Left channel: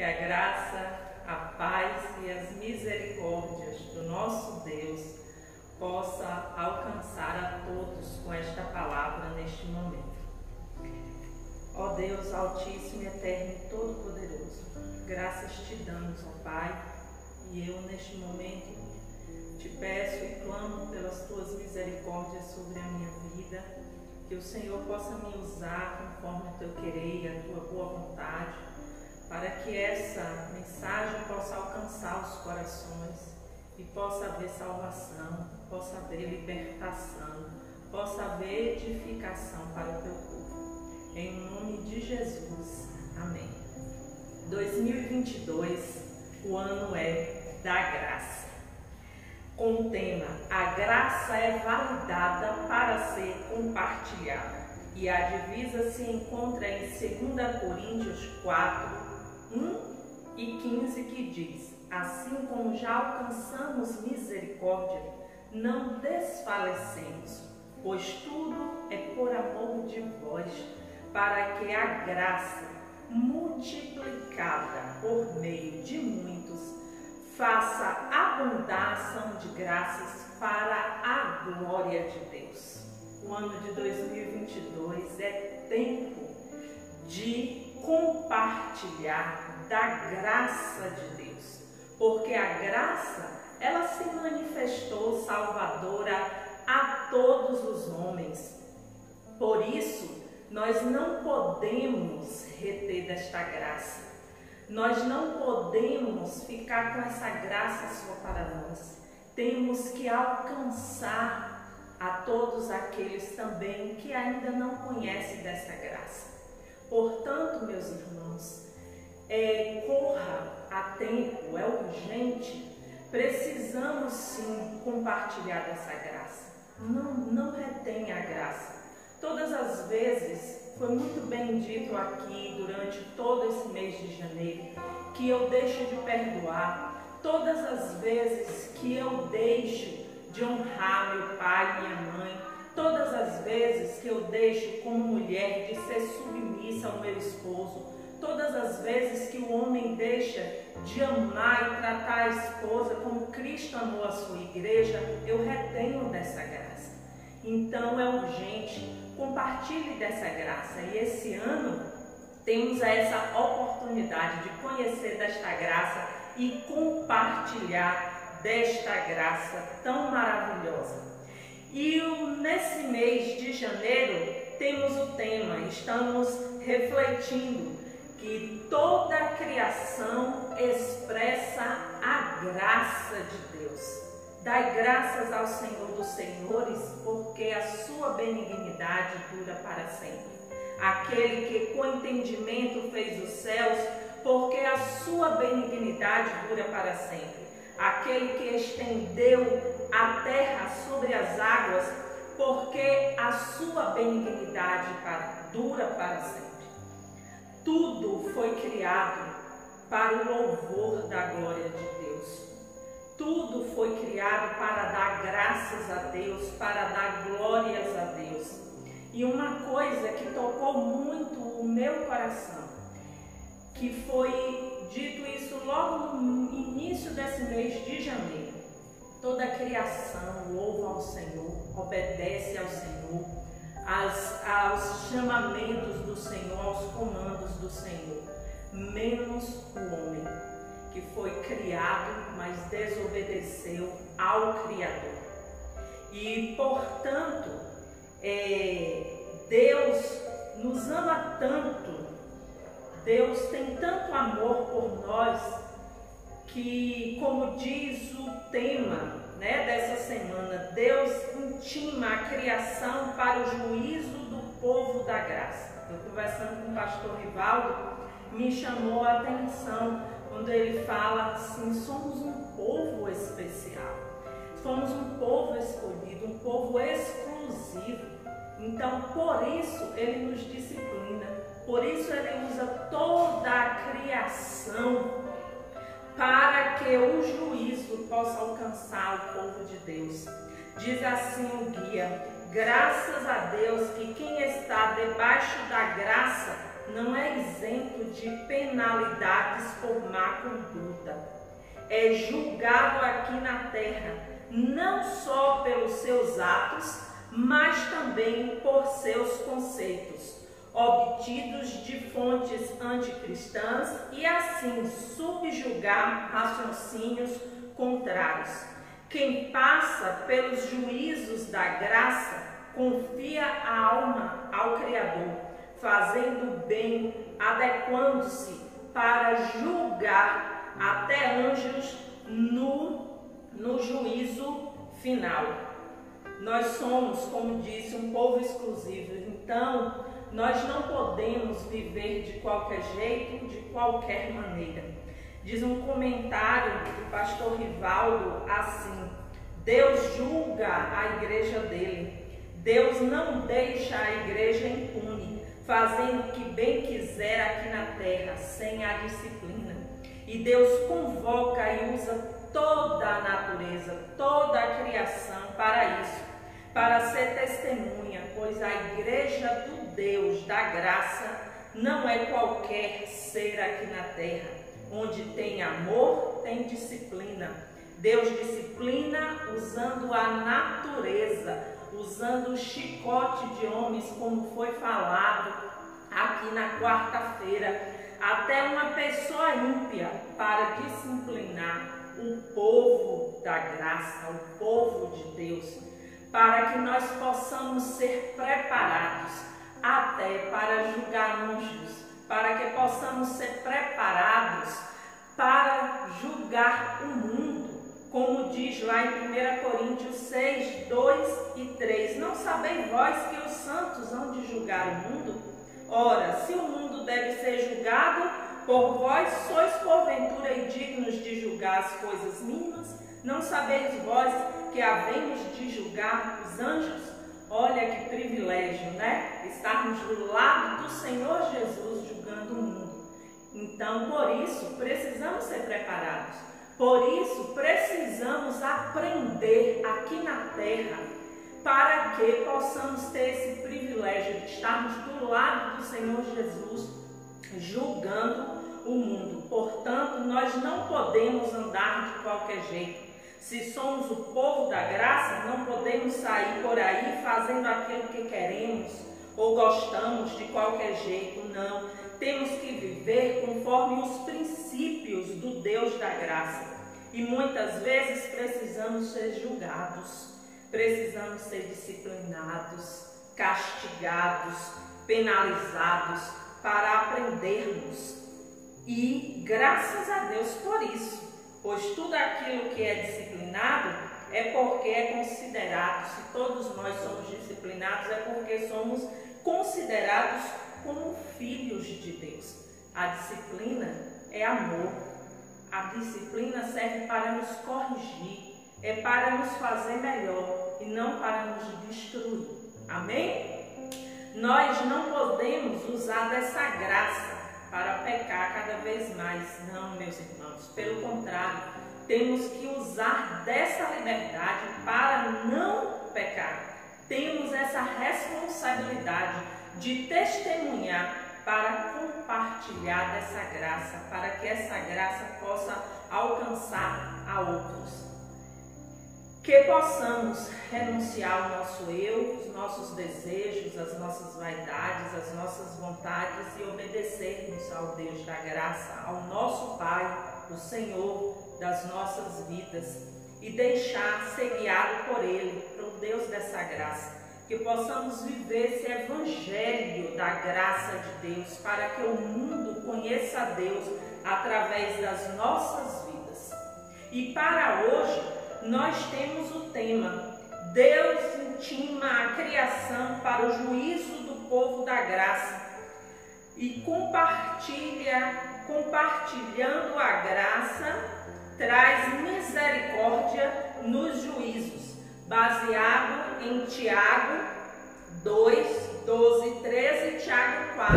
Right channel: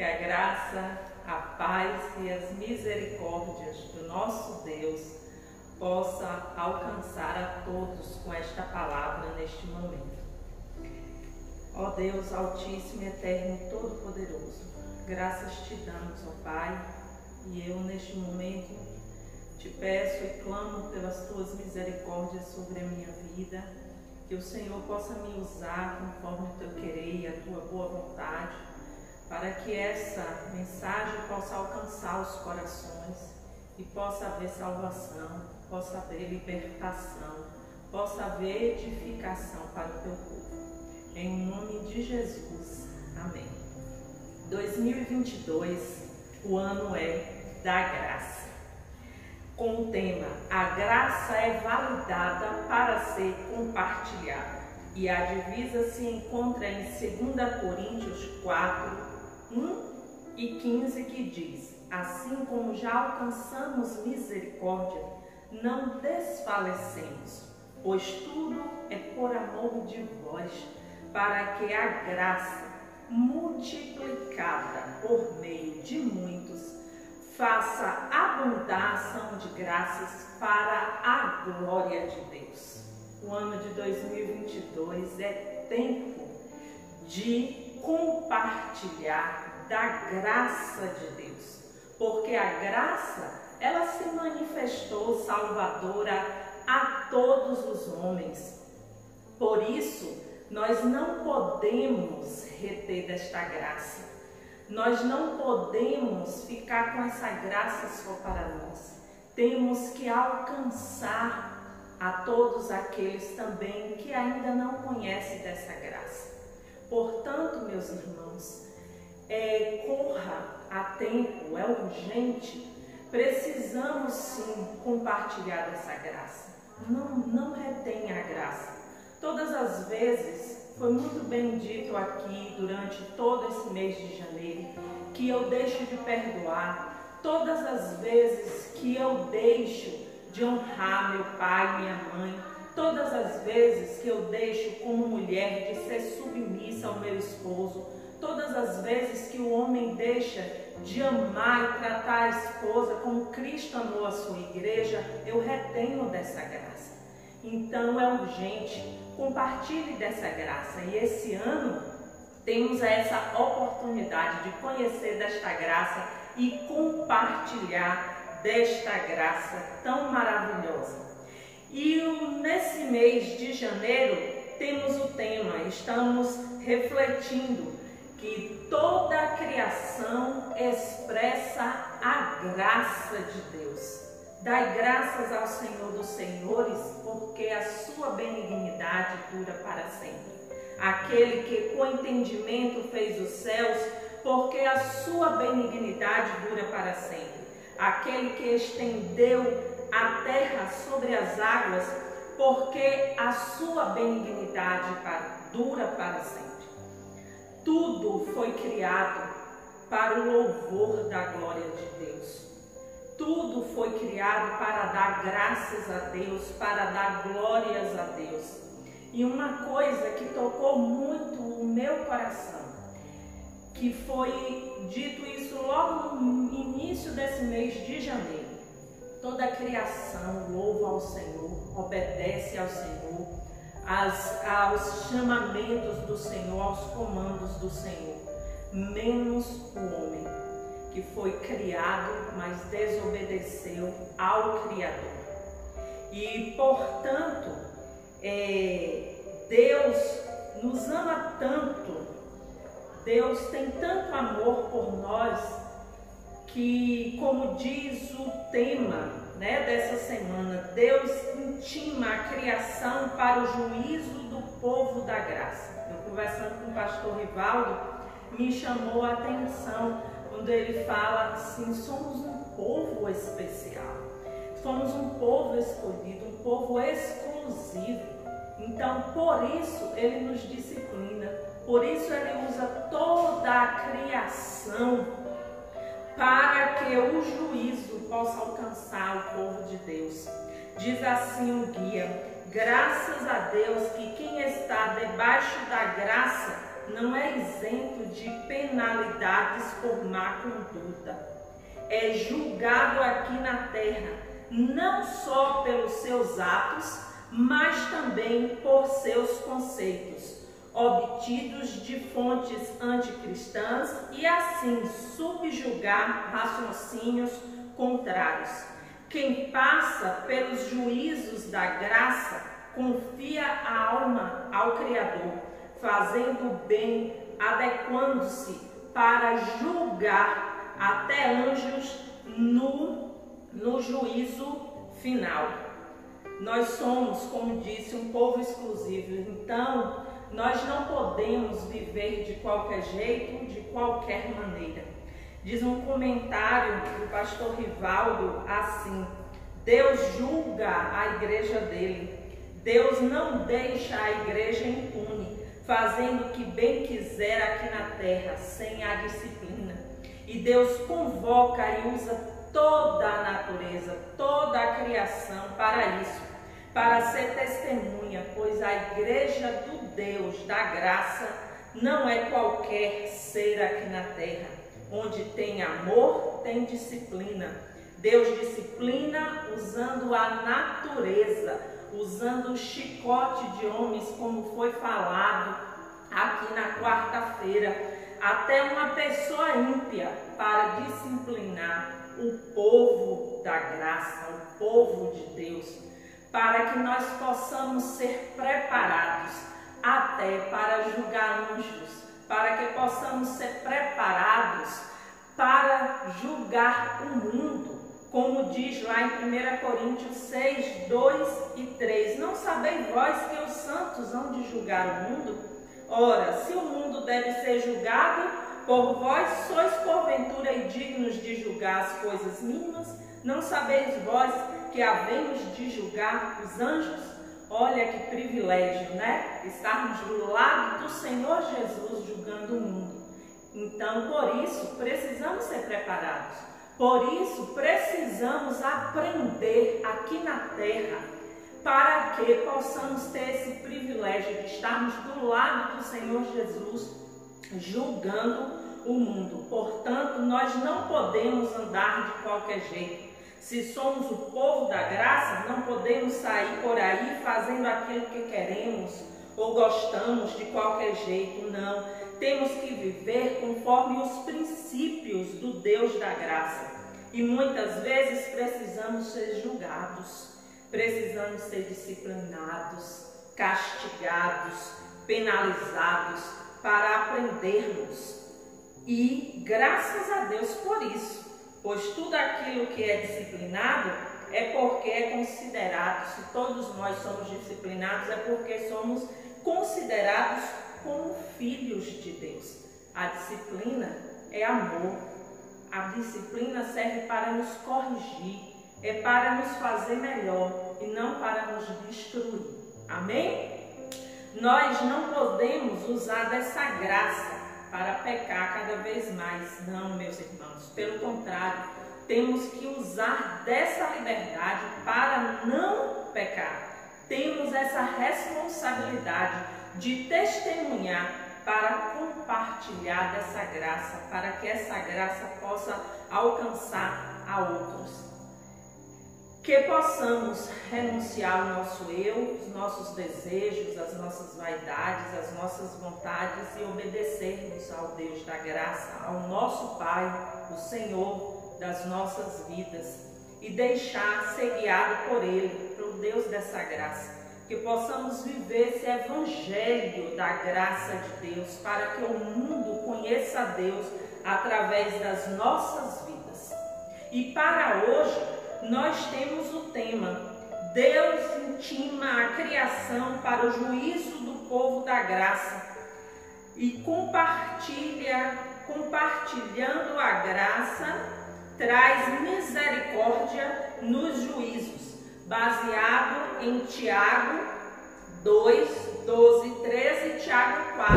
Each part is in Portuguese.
Que a graça, a paz e as misericórdias do nosso Deus possa alcançar a todos com esta palavra neste momento. Ó Deus Altíssimo, Eterno e Todo-Poderoso, graças te damos, ó Pai, e eu neste momento te peço e clamo pelas tuas misericórdias sobre a minha vida, que o Senhor possa me usar conforme o teu querer e a tua boa vontade, para que essa mensagem possa alcançar os corações e possa haver salvação, possa haver libertação, possa haver edificação para o teu povo. Em nome de Jesus. Amém. 2022, o ano é da graça. Com o tema, a graça é validada para ser compartilhada. E a divisa se encontra em 2 Coríntios 4, 1 e 15, que diz: assim como já alcançamos misericórdia, não desfalecemos, pois tudo é por amor de vós, para que a graça, multiplicada por meio de muitos, faça abundação de graças para a glória de Deus. O ano de 2022 é tempo de compartilhar da graça de Deus, porque a graça, ela se manifestou salvadora a todos os homens. Por isso, nós não podemos reter desta graça. Nós não podemos ficar com essa graça só para nós. Temos que alcançar a todos aqueles também que ainda não conhecem dessa graça. Portanto, meus irmãos, corra a tempo, é urgente. Precisamos sim compartilhar dessa graça. Não retenha a graça. Todas as vezes, foi muito bem dito aqui durante todo esse mês de janeiro, que eu deixo de perdoar. Todas as vezes que eu deixo de honrar meu pai e minha mãe, todas as vezes que eu deixo como mulher de ser submissa ao meu esposo, todas as vezes que o homem deixa de amar e tratar a esposa como Cristo amou a sua igreja, eu retenho dessa graça. Então é urgente, compartilhe dessa graça. E esse ano temos essa oportunidade de conhecer desta graça e compartilhar desta graça tão maravilhosa. E nesse mês de janeiro temos o tema, estamos refletindo que toda a criação expressa a graça de Deus. Dai graças ao Senhor dos Senhores, porque a sua benignidade dura para sempre. Aquele que com entendimento fez os céus, porque a sua benignidade dura para sempre. Aquele que estendeu a terra sobre as águas, porque a sua benignidade dura para sempre. Tudo foi criado para o louvor da glória de Deus. Tudo foi criado para dar graças a Deus, para dar glórias a Deus. E uma coisa que tocou muito o meu coração, que foi dito isso logo no início desse mês de janeiro. Toda a criação louva ao Senhor, obedece ao Senhor, aos chamamentos do Senhor, aos comandos do Senhor, menos o homem, que foi criado, mas desobedeceu ao Criador. E, portanto, Deus nos ama tanto, Deus tem tanto amor por nós, que, como diz o tema dessa semana, Deus intima a criação para o juízo do povo da graça. Eu, conversando com o pastor Rivaldo, me chamou a atenção quando ele fala assim: somos um povo especial, somos um povo escolhido, um povo exclusivo. Então, por isso ele nos disciplina, por isso ele usa toda a criação para que o juízo possa alcançar o povo de Deus. Diz assim o guia: graças a Deus que quem está debaixo da graça não é isento de penalidades por má conduta. É julgado aqui na terra, não só pelos seus atos, mas também por seus conceitos, obtidos de fontes anticristãs, e assim subjugar raciocínios contrários. Quem passa pelos juízos da graça confia a alma ao Criador, fazendo o bem, adequando-se para julgar até anjos no juízo final. Nós somos, como disse, um povo exclusivo, então nós não podemos viver de qualquer jeito, de qualquer maneira. Diz um comentário do pastor Rivaldo assim: Deus julga a igreja dele. Deus não deixa a igreja impune, fazendo o que bem quiser aqui na terra, sem a disciplina. E Deus convoca e usa toda a natureza, toda a criação para isso, para ser testemunha, pois a igreja do Deus da graça não é qualquer ser aqui na terra. Onde tem amor, tem disciplina. Deus disciplina usando a natureza, usando o chicote de homens, como foi falado aqui na quarta-feira, até uma pessoa ímpia, para disciplinar o povo da graça, o povo de Deus, para que nós possamos ser preparados até para julgar anjos, para que possamos ser preparados para julgar o mundo, como diz lá em 1 Coríntios 6, 2 e 3. Não sabeis vós que os santos hão de julgar o mundo? Ora, se o mundo deve ser julgado, por vós sois porventura indignos de julgar as coisas mínimas? Não sabeis vós que havemos de julgar os anjos? Olha que privilégio, né? Estarmos do lado do Senhor Jesus julgando o mundo. Então, por isso, precisamos ser preparados. Por isso, precisamos aprender aqui na terra, para que possamos ter esse privilégio de estarmos do lado do Senhor Jesus julgando o mundo. Portanto, nós não podemos andar de qualquer jeito. Se somos o povo da graça, não podemos sair por aí fazendo aquilo que queremos ou gostamos de qualquer jeito, não. Temos que viver conforme os princípios do Deus da graça. E muitas vezes precisamos ser julgados, precisamos ser disciplinados, castigados, penalizados para aprendermos. E graças a Deus por isso. Pois tudo aquilo que é disciplinado é porque é considerado, se todos nós somos disciplinados, é porque somos considerados como filhos de Deus. A disciplina é amor. A disciplina serve para nos corrigir, é para nos fazer melhor e não para nos destruir. Amém? Nós não podemos usar dessa graça para pecar cada vez mais. Não, meus irmãos, pelo contrário, temos que usar dessa liberdade para não pecar. Temos essa responsabilidade de testemunhar para compartilhar dessa graça, para que essa graça possa alcançar a outros. Que possamos renunciar ao nosso eu, os nossos desejos, as nossas vaidades, as nossas vontades e obedecermos ao Deus da graça, ao nosso Pai, o Senhor das nossas vidas, e deixar ser guiado por Ele, pelo Deus dessa graça. Que possamos viver esse evangelho da graça de Deus, para que o mundo conheça a Deus através das nossas vidas. E para hoje, nós temos o tema: Deus intima a criação para o juízo do povo da graça e compartilhando a graça, traz misericórdia nos juízos, baseado em Tiago 2, 12, 13 e Tiago 4,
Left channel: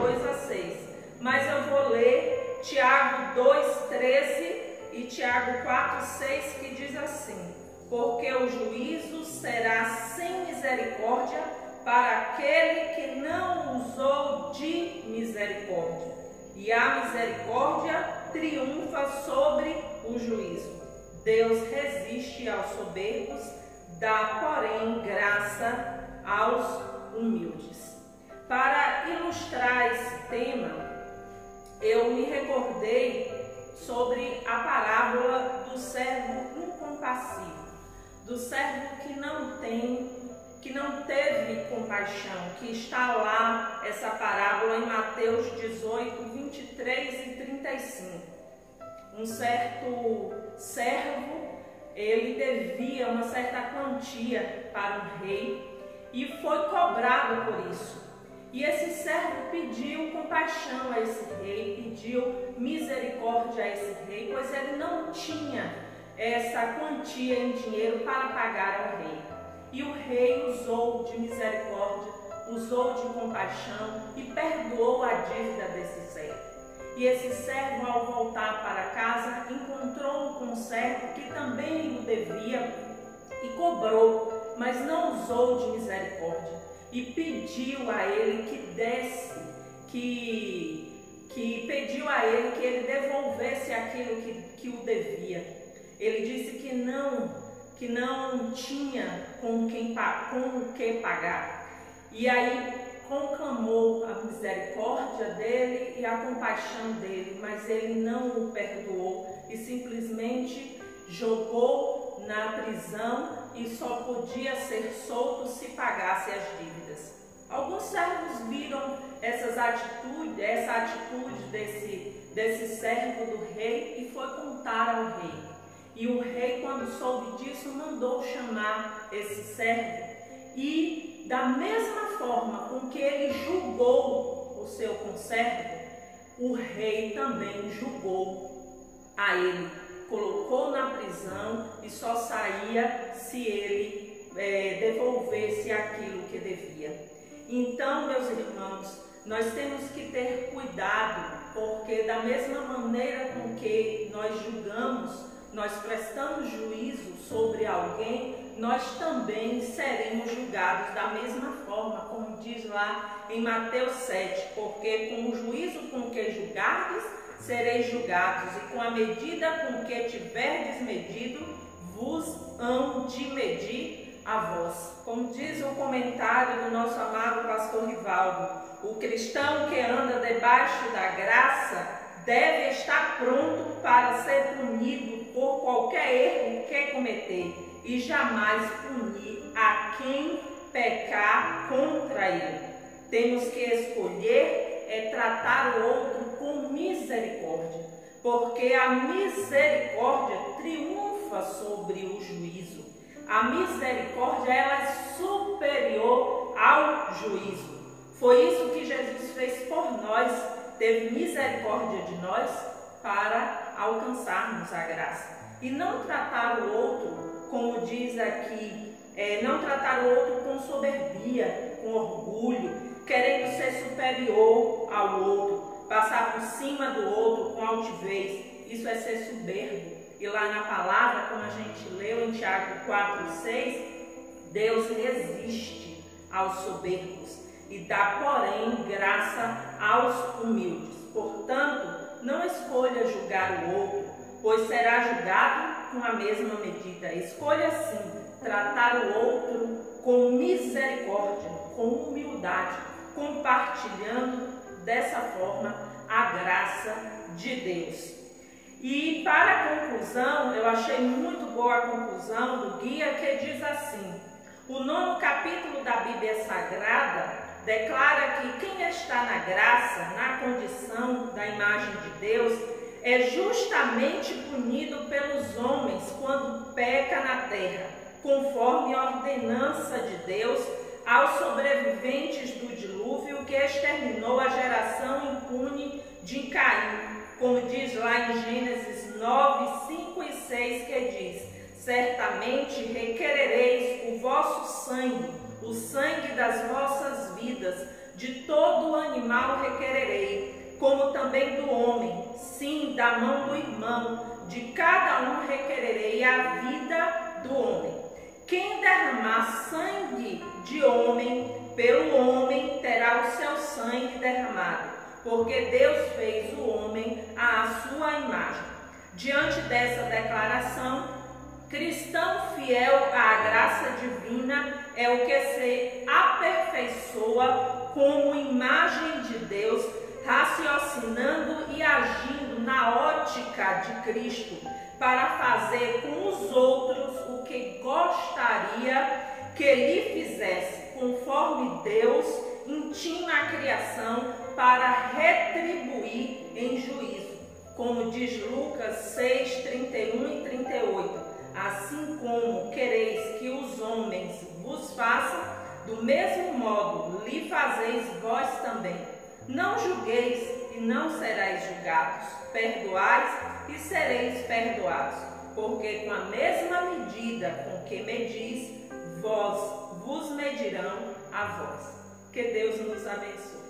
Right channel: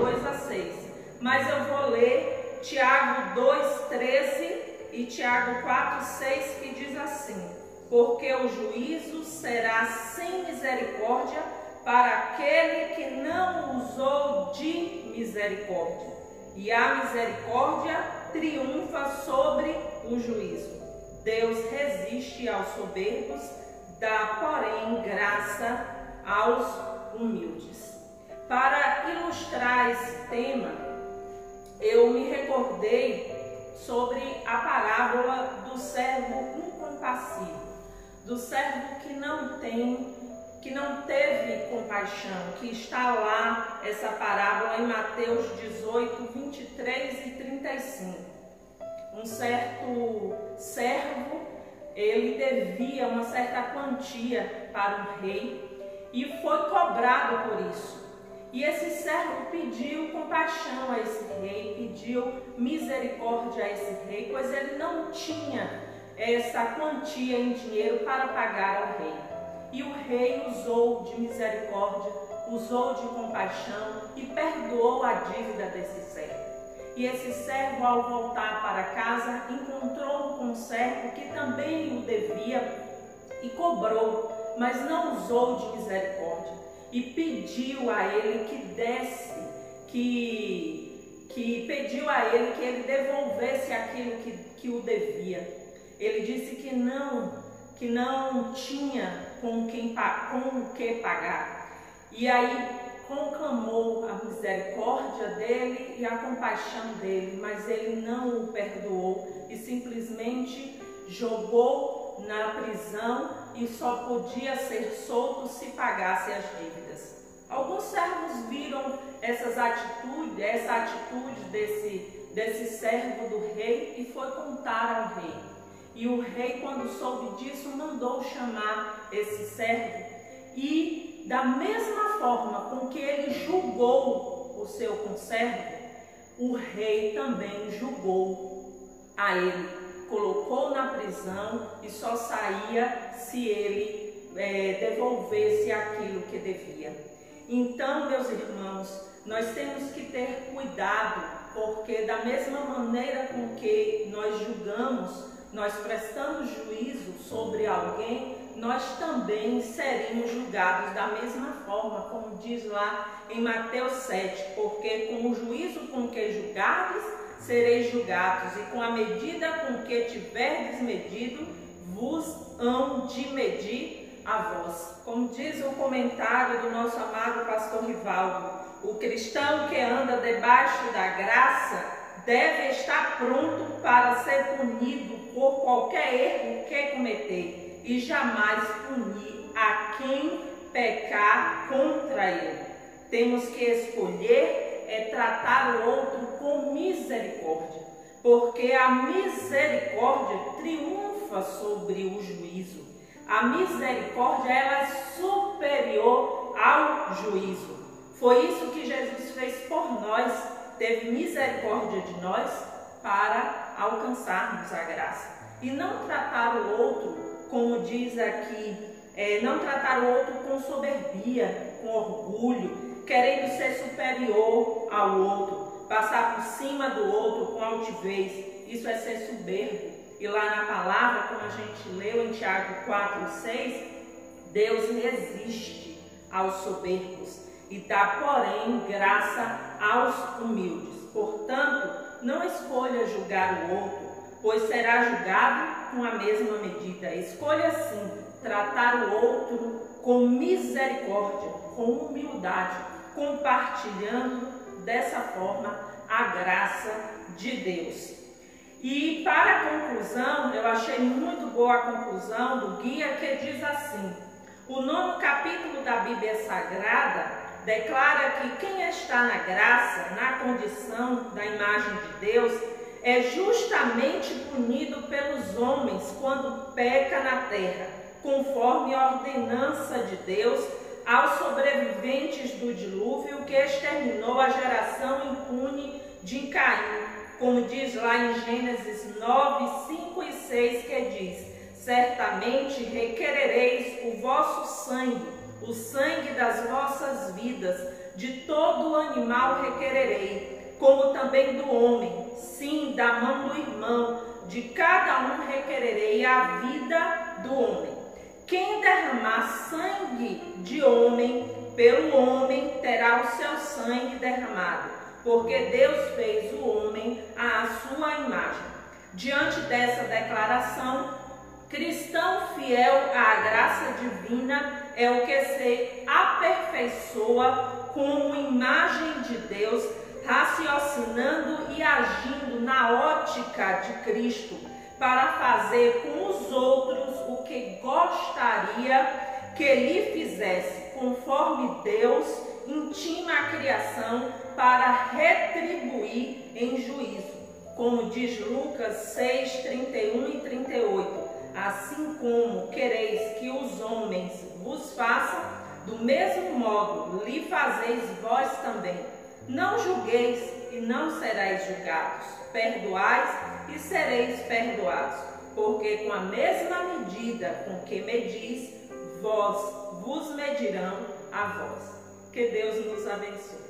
2 a 6. Mas eu vou ler Tiago 2, 13 e Tiago 4, 6, que diz assim: porque o juízo será sem misericórdia para aquele que não usou de misericórdia. E a misericórdia triunfa sobre o juízo. Deus resiste aos soberbos, dá, porém, graça aos humildes. Para ilustrar esse tema, eu me recordei sobre a parábola do servo incompassível, do servo que não teve compaixão, que está lá, essa parábola em Mateus 18, 23 e 35. Um certo servo, ele devia uma certa quantia para o rei e foi cobrado por isso. E esse servo pediu compaixão a esse rei, pediu misericórdia a esse rei, pois ele não tinha essa quantia em dinheiro para pagar ao rei. E o rei usou de misericórdia, usou de compaixão e perdoou a dívida desse servo. E esse servo, ao voltar para casa, encontrou um conservo que também o devia e cobrou, mas não usou de misericórdia. E pediu a ele que desse, pediu a ele que ele devolvesse aquilo que o devia. Ele disse que não tinha com o que pagar. E aí conclamou a misericórdia dele e a compaixão dele, mas ele não o perdoou e simplesmente jogou na prisão e só podia ser solto se pagasse as dívidas. Alguns servos viram essa atitude desse servo do rei e foi contar ao rei. E o rei, quando soube disso, mandou chamar esse servo e, da mesma forma com que ele julgou o seu conservo, o rei também julgou a ele, colocou na prisão e só saía se ele devolvesse aquilo que devia. Então, meus irmãos, nós temos que ter cuidado, porque da mesma maneira com que nós julgamos, nós prestamos juízo sobre alguém, nós também seremos julgados da mesma forma, como diz lá em Mateus 7, porque com o juízo com que julgardes, sereis julgados, e com a medida com que tiverdes medido, vos hão de medir a vós. Como diz o comentário do nosso amado pastor Rivaldo, o cristão que anda debaixo da graça deve estar pronto para ser punido por qualquer erro que cometer e jamais punir a quem pecar contra ele. Temos que escolher tratar o outro com misericórdia, porque a misericórdia triunfa sobre o juízo. A misericórdia, ela é superior ao juízo. Foi isso que Jesus fez por nós, teve misericórdia de nós para alcançarmos a graça. E não tratar o outro, como diz aqui, não tratar o outro com soberbia, com orgulho, querendo ser superior ao outro, passar por cima do outro com altivez. Isso é ser soberbo. E lá na palavra, como a gente leu em Tiago 4:6, Deus resiste aos soberbos e dá, porém, graça aos humildes. Portanto, não escolha julgar o outro, pois será julgado com a mesma medida. Escolha, sim, tratar o outro com misericórdia, com humildade, compartilhando dessa forma a graça de Deus. E para a conclusão, eu achei muito boa a conclusão do guia, que diz assim: o 9º capítulo da Bíblia Sagrada declara que quem está na graça, na condição da imagem de Deus, é justamente punido pelos homens quando peca na terra, conforme a ordenança de Deus aos sobreviventes do dilúvio que exterminou a geração impune de Caim, como diz lá em Gênesis 9, 5 e 6, que diz: certamente requerereis o vosso sangue, o sangue das vossas vidas, de todo animal requererei, como também do homem, sim, da mão do irmão, de cada um requererei a vida do homem. Quem derramar sangue de homem, pelo homem terá o seu sangue derramado, porque Deus fez o homem à sua imagem. Diante dessa declaração, cristão fiel à graça divina é o que se aperfeiçoa como imagem de Deus, raciocinando e agindo na ótica de Cristo, para fazer com os outros o que gostaria que lhe fizesse, conforme Deus intima a criação para retribuir em juízo. Como diz Lucas 6, 31 e 38, assim como quereis que os homens vos façam, do mesmo modo lhe fazeis vós também. Não julgueis e não sereis julgados, perdoais e sereis perdoados, porque com a mesma medida com que medis, vos medirão a vós. Que Deus nos abençoe.